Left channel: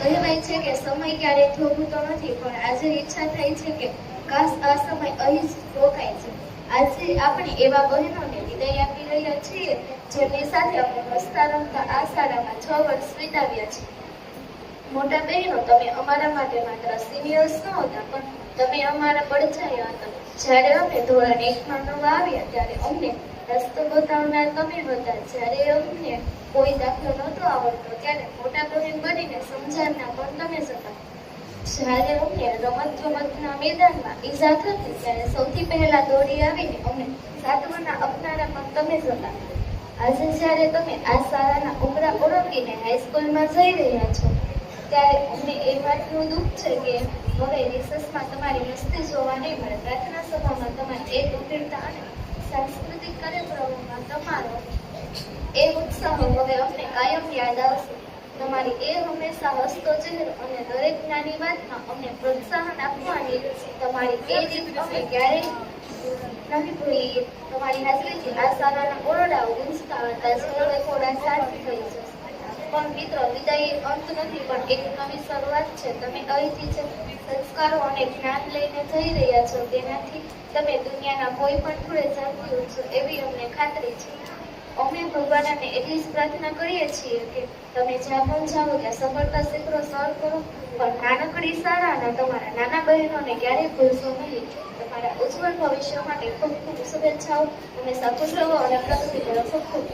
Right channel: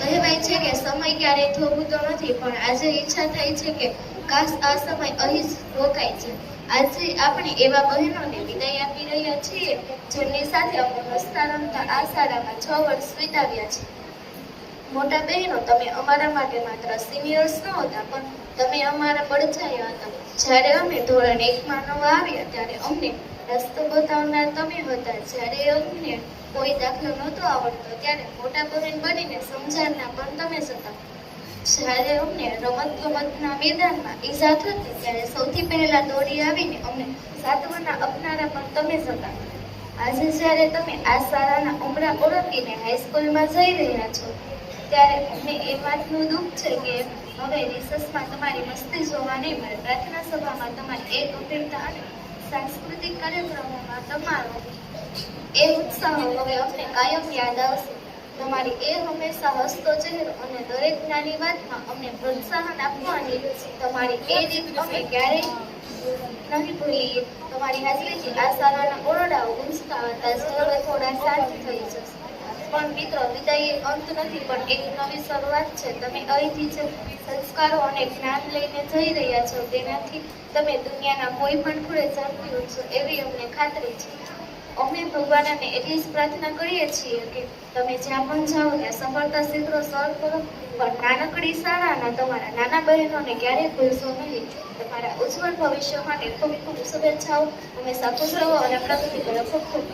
કહેવાય છે કે સમય ક્યારેય થોભતો નથી, પણ આજે ઈચ્છા થાય છે કે કાશ આ સમય અહીં જ રોકાય છે. આજે આપણે એવા બહેનોને વિદાય આપી રહ્યા છીએ જેમની સાથે અમે રસ્તા રમતા આ શાળામાં 6 વર્ષ વિતાવ્યા છે. મોટા બહેનો, તમે અમારા માટે માત્ર સિનિયર્સ નહોતા, પણ તમે અમારા પડછાયા હતા. જ્યારે અમે ધોરણ 1માં નવા આવ્યા ત્યારે અમને રસ્તો બતાવનાર તમે હતા. જ્યારે અમને કોઈ દાખલો નહોતો આવડતો ત્યારે મોટા બહેન બનીને સમજાવનાર પણ તમે જ હતા. જ્યારે અમને રમતગમતના મેદાનમાં ઈજા થતી ત્યારે સૌથી પહેલા દોડી આવીને અમને સાંત્વના આપનારા પણ તમે જ હતા. આજે જ્યારે તમે આ શાળાના ઉમરા ઓળંગીને હાઈસ્કૂલમાં જઈ રહ્યા છો ત્યારે અમને એ વાતનું દુઃખ છે કે હવે રિસર્ચમાં તમારી મસ્તી જોવા નહીં મળે. પ્રાર્થના સભામાં તમારી એ ગંભીરતા અને સાંસ્કૃતિક કાર્યક્રમોમાં તમારો એ ઉત્સાહ હવે અમને કાયમ યાદ આવશે. તમારી એ હંમેશા હસતો ચહેરો અને દરેક નાની વાતમાં અમને પ્રોત્સાહન આપવાની તમારી એ રીત અમે ક્યારેય નહીં ભૂલીએ. તમારી હાજરીથી આ શાળાના ઓરડાઓ ગુંજતા હતા જે હવે થોડા શાંત થઈ જશે. પણ મિત્રો, વિદાય અંત નથી, પણ એક નવી શરૂઆત છે. તમે અહીંથી જે સંસ્કારો અને જ્ઞાન લઈને જઈ રહ્યા છો તેનાથી તમે દુનિયાના કોઈ પણ ખૂણે ઝડપી ઉઠશો એવી અમને ખાતરી છે. અમે ભગવાનને એટલી જ પ્રાર્થના કરીએ છીએ કે તમે જ્યાં પણ જાઓ ત્યાં સફળતા શિખરો સર કરો, પણ નાનકડી શાળાના તમારા નાના બહેનોને ક્યારેય ભૂલશો નહીં. તમારા ઉજ્જવળ ભવિષ્ય માટે ખૂબ ખૂબ શુભેચ્છાઓ. હંમેશા ખુશ રહો અને પ્રગતિ કરો. ખૂબ ખૂબ